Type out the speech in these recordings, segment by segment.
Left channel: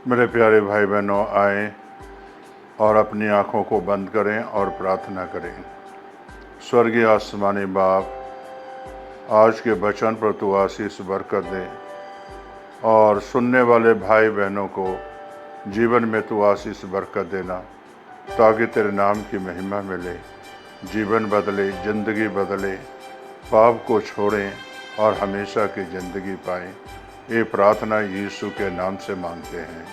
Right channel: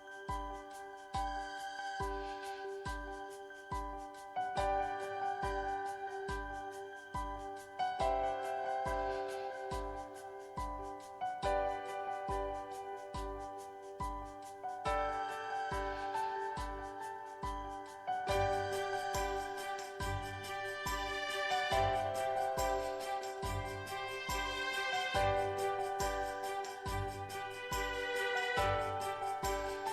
मेरे प्यारे भाई बहनों, आए और अपनी आँखों को बंद करें और प्रार्थना करें। स्वर्गीय आसमानी बाप, आज के वचन पर तू आशीष बरकत दे और सुनने वाले भाई बहनों को जीवन में तू आशीष बरकत देना, ताकि तेरे नाम की महिमा मिले, जीवन बदले, ज़िंदगी बदले, पाप को छोड़ें और हमेशा की ज़िंदगी पाएं। ये प्रार्थना यीशु के नाम से मांगते हैं,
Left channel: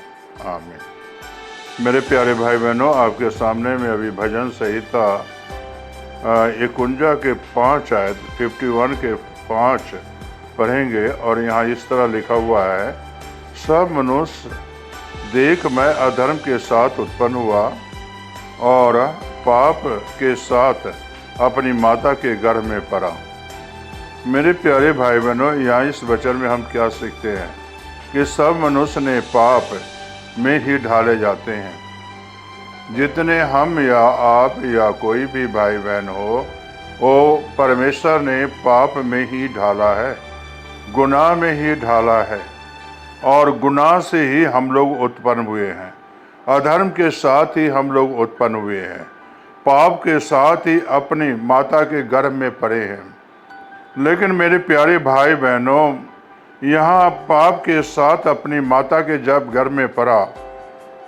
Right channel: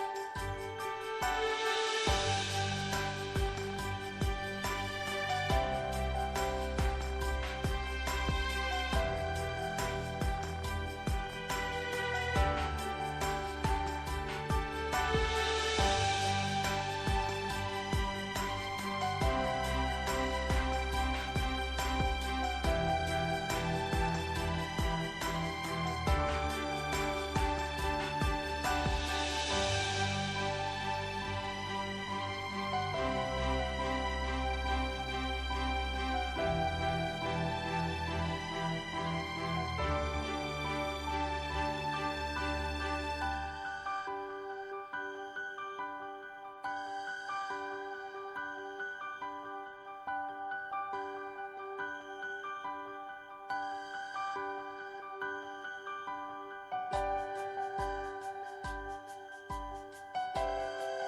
आमीन। मेरे प्यारे भाई बहनों, आपके सामने में अभी भजन संहिता 51 के 5 आयत 51 के 5 पढ़ेंगे और यहाँ इस तरह लिखा हुआ है, सब मनुष्य देख मैं अधर्म के साथ उत्पन्न हुआ और पाप के साथ अपनी माता के गर्भ में पड़ा। मेरे प्यारे भाई बहनों, यहाँ इस वचन में हम क्या सीखते हैं कि सब मनुष्य ने पाप में ही ढाले जाते हैं। जितने हम या आप या कोई भी भाई बहन हो, वो परमेश्वर ने पाप में ही ढाला है, गुनाह में ही ढाला है और गुनाह से ही हम लोग उत्पन्न हुए हैं। अधर्म के साथ ही हम लोग उत्पन्न हुए हैं, पाप के साथ ही अपनी माता के गर्भ में पड़े हैं। लेकिन मेरे प्यारे भाई बहनों, यहाँ पाप के साथ अपनी माता के जब गर्भ में पड़ा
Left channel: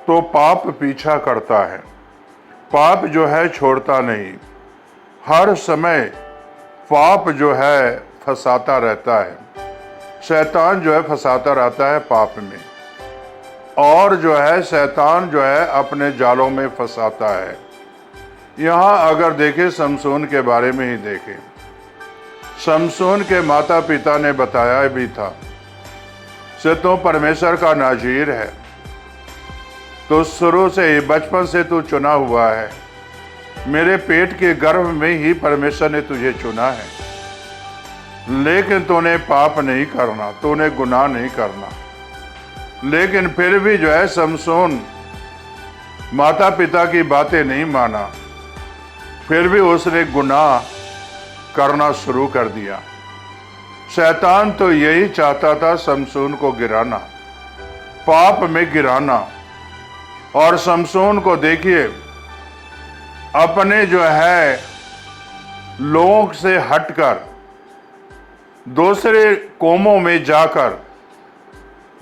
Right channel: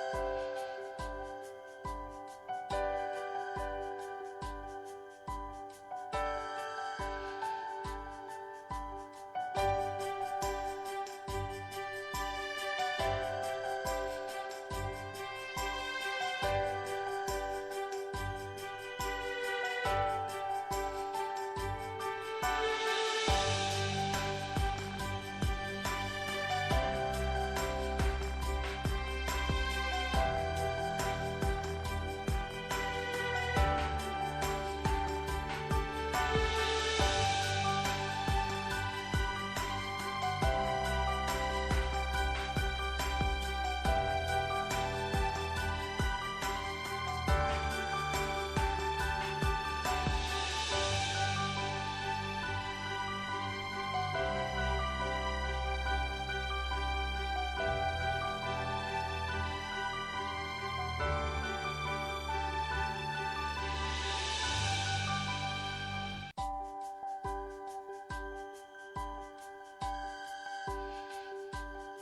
तो पाप पीछा करता है। पाप जो है छोड़ता नहीं, हर समय पाप जो है फंसाता रहता है। शैतान जो है फंसाता रहता है पाप में, और जो है शैतान जो है अपने जालों में फंसाता है। यहाँ अगर देखें, शमसून के बारे में ही देखें, शमसून के माता पिता ने बताया भी था से तो परमेश्वर का नाजीर है, तो शुरू से बचपन से तू चुना हुआ है, मेरे पेट के गर्भ में ही परमेश्वर ने तुझे चुना है। लेकिन तूने पाप नहीं करना, तूने गुनाह नहीं करना। लेकिन फिर भी जो है शमसून माता पिता की बातें नहीं माना, फिर भी उसने गुनाह करना शुरू कर दिया। शैतान तो यही चाहता था शमसून को गिराना, पाप में गिराना। और शमसून को देखिए, अपने जो है लोगों से हटकर दूसरे कौमों में जाकर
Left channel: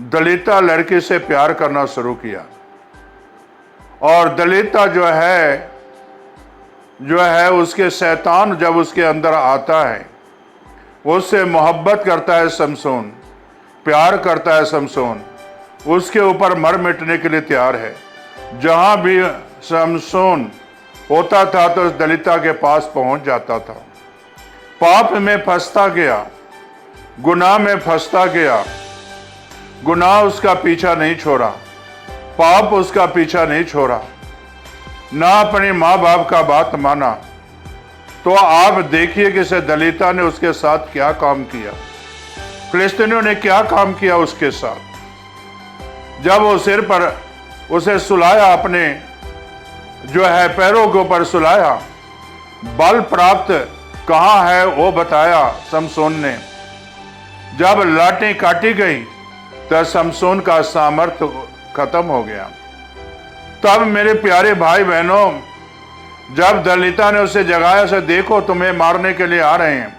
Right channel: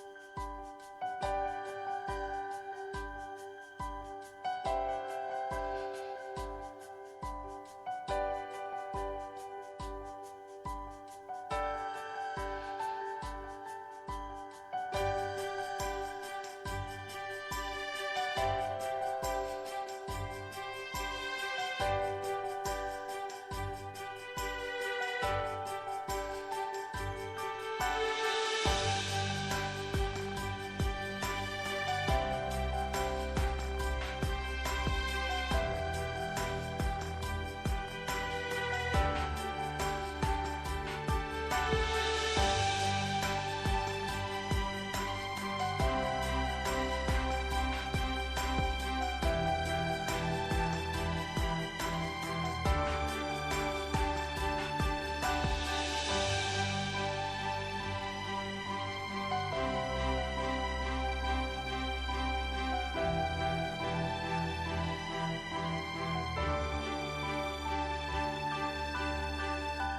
दलिता लड़के से प्यार करना शुरू किया। और दलिता जो है उसके शैतान जब उसके अंदर आता है, उससे मोहब्बत करता है शमसून, प्यार करता है शमसून, उसके ऊपर मर मिटने के लिए तैयार है। जहाँ भी शमसून होता था तो उस दलिता के पास पहुंच जाता था। पाप में फंसता गया, गुनाह में फंसता गया। गुनाह उसका पीछा नहीं छोड़ा, पाप उसका पीछा नहीं छोड़ा, ना अपने माँ बाप का बात माना। तो आप देखिए कि से दलिता ने उसके साथ क्या काम किया, फिलिस्तीनियों ने क्या काम किया उसके साथ। जब वो सिर पर उसे सुलाया, अपने जो है पैरों के ऊपर सुलाया, बल प्राप्त कहाँ है वो बताया शमसून ने। जब लाठी काटी गई तो शमसून का सामर्थ्य खत्म हो गया। तब मेरे प्यारे भाई बहनों, जब दलिता ने उसे जगाया, से देखो तुम्हें मारने के लिए आ रहे हैं,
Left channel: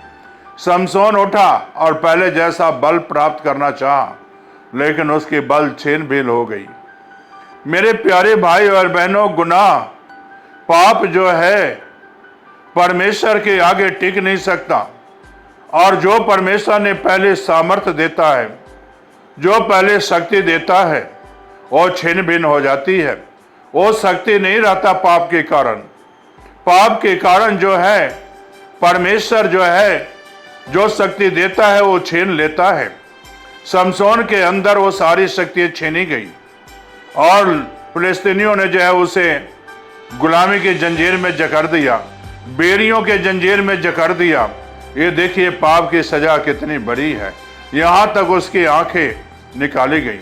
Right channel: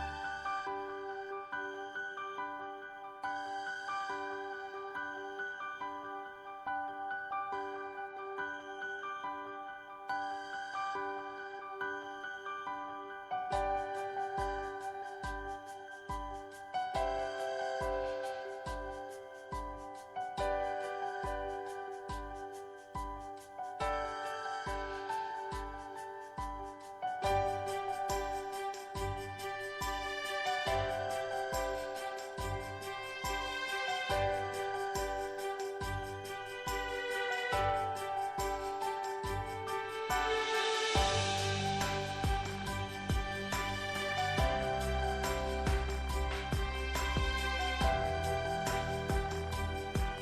शमसून उठा और पहले जैसा बल प्राप्त करना चाहा, लेकिन उसकी बल छीन भीन हो गई। मेरे प्यारे भाई और बहनों, गुनाह पाप जो है परमेश्वर के आगे टिक नहीं सकता। और जो परमेश्वर ने पहले सामर्थ्य देता है, जो पहले शक्ति देता है, वो छीन भिन्न हो जाती है। वो शक्ति नहीं रहता पाप के कारण। पाप के कारण जो है परमेश्वर जो है जो शक्ति देता है वो छीन लेता है। शमसून के अंदर वो सारी शक्ति छीनी गई और फिलिस्तीनियों ने जो है उसे गुलामी की जंजीर में जकड़ दिया, बेरियों के जंजीर में जकड़ दिया। ये देखिए पाप की सजा कितनी बड़ी है। यहाँ तक उसकी आंखें निकाली गई।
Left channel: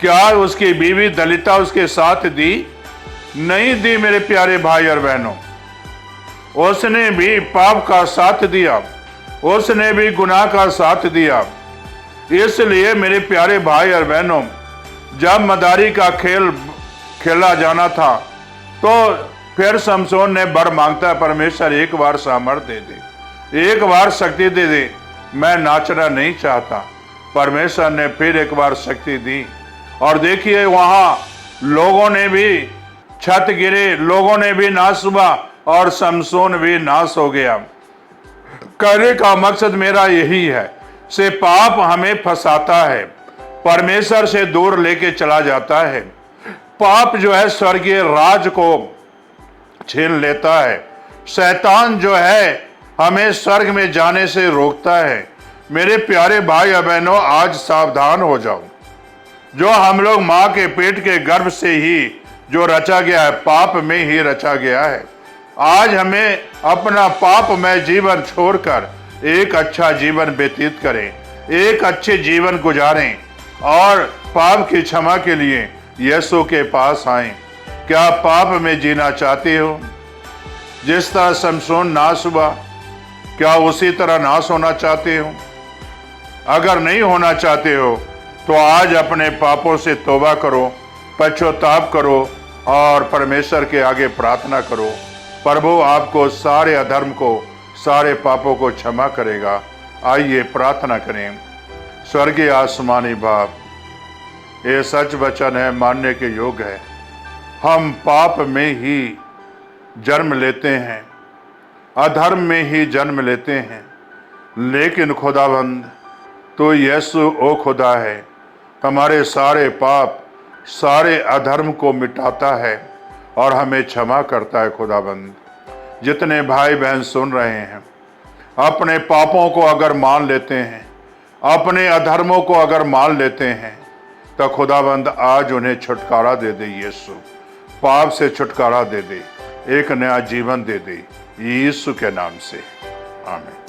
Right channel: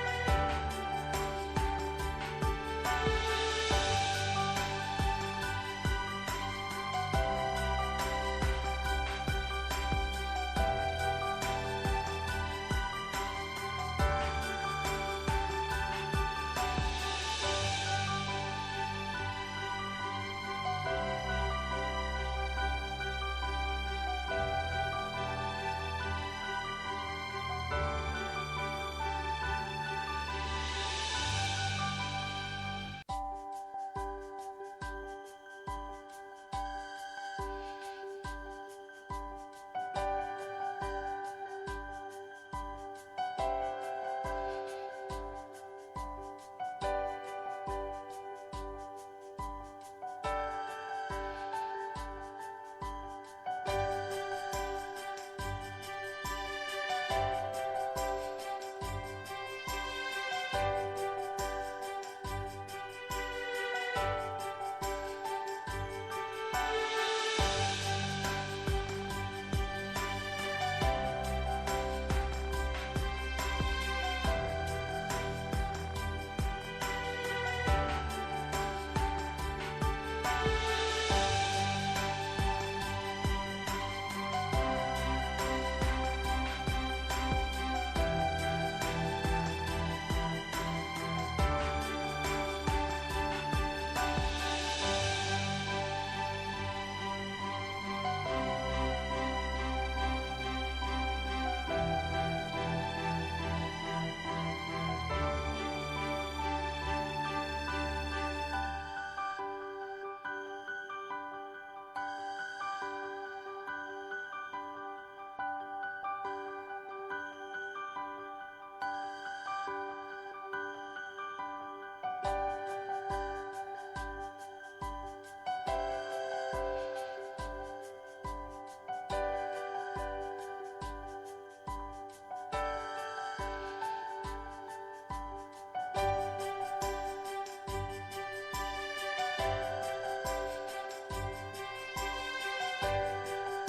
क्या उसकी बीवी दलिता उसके साथ दी? नहीं दी। मेरे प्यारे भाई और बहनों, उसने भी पाप का साथ दिया, उसने भी गुनाह का साथ दिया। इसलिए मेरे प्यारे भाई और बहनों, जब मदारी का खेल खेला जाना था तो फिर शमशोन ने वर मांगता है, परमेश्वर एक बार सामर्थ्य दे दे, एक बार शक्ति दे दे, मैं नाचना नहीं चाहता। परमेश्वर ने फिर एक बार शक्ति दी और देखिए वहां लोगों ने भी छत गिरे, लोगों ने भी नाश हुआ और शमशोन भी नाश हो गया। कहने का मकसद मेरा यही है, से पाप हमें फंसाता है, परमेश्वर से दूर लेके चला जाता है। पाप जो है स्वर्गीय राज को छीन लेता है। शैतान जो है हमें स्वर्ग में जाने से रोकता है। मेरे प्यारे भाई और बहनों, आज सावधान हो जाओ। जो हम लोग माँ के पेट के गर्भ से ही जो रचा गया है, पाप में ही रचा गया है। आज हमें अपना पापमय जीवन छोड़कर एक अच्छा जीवन व्यतीत करें, एक अच्छे जीवन गुजारें और पाप की क्षमा के लिए यीशु के पास आएं। क्या पाप में जीना चाहते हो? जिस तरह शमशोन नाश हुआ, क्या उसी तरह नाश होना चाहते हो? अगर नहीं होना चाहते हो तो आज अपने पापों से तौबा करो, पश्चाताप करो और परमेश्वर के आगे प्रार्थना करो। प्रभु आपको सारे अधर्म को, सारे पापों को क्षमा करेगा। आइए प्रार्थना करें। स्वर्गीय आसमानी बाप, ये सच वचन है, मानने के योग्य है। हम पाप में ही जन्म लेते हैं, अधर्म में ही जन्म लेते हैं, लेकिन खुदाबंद तो यीशु ओ खुदा है, हमारे सारे पाप, सारे अधर्म को मिटाता है और हमें क्षमा करता है। खुदाबंद, जितने भाई बहन सुन रहे हैं, अपने पापों को अगर मान लेते हैं, अपने अधर्मों को अगर मान लेते हैं, तो खुदाबंद आज उन्हें छुटकारा दे दे। यीशु पाप से छुटकारा दे दे, एक नया जीवन दे दे, यीशु के नाम से, आमीन।